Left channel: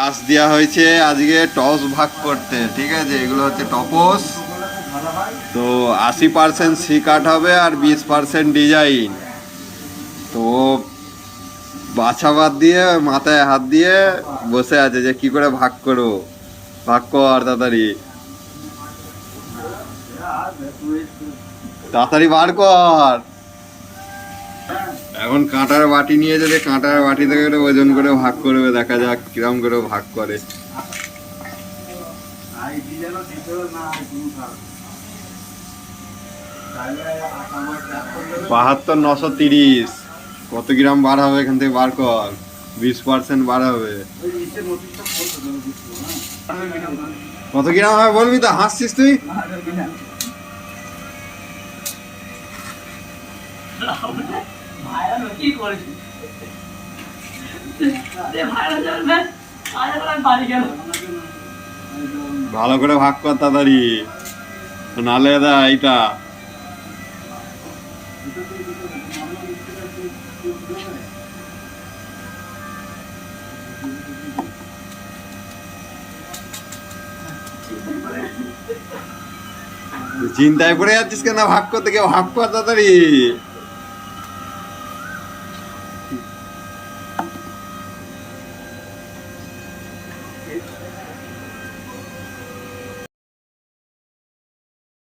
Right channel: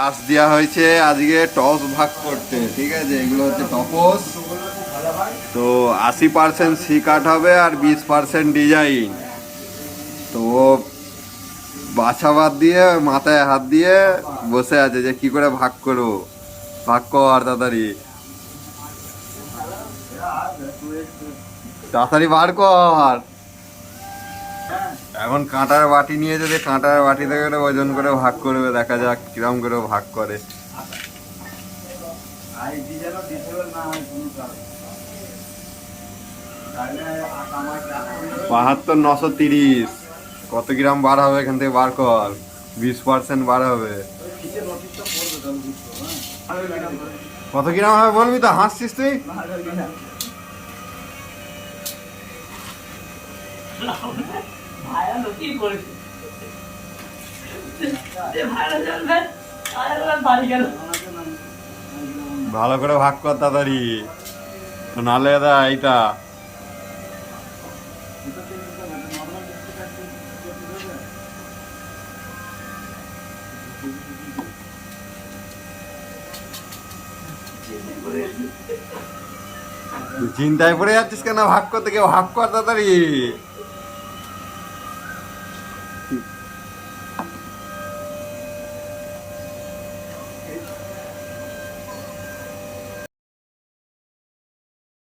টাস দেওয়া হয়েছে আজকে টস ভাগ করতে, ঠিক আছে। এগুলো হচ্ছে টপস। তো 80% সি কাট হবে আর 20% ডিজাইন। তো ও বাছা বাদ দিয়ে মাথায় হাত দিয়ে বসে আছে যে কি করে ভাগ করো, ভাগ কর তাড়াতাড়ি, তাড়াতাড়ি বার কর। এখন কাঁটার বাটি নিয়ে যাবে, কাঁটার বাটি থেকে ওজন করে ভাগ করবে, দেখা যাক কিরম করে ভাগ করে। 72,930 কত গ্রাম বার হবে এখান থেকে বার কর। 20% বার হবে। কত গ্রাম হবে বলবি তো, হাসছিস তুই। ভালো করে ভাগ কর তাড়াতাড়ি, নালে দা এইটা। চিন্তায় পড়ে যাচ্ছিস কেন, ভাগ করতে, কেউ ভাগ কর তাড়াতাড়ি।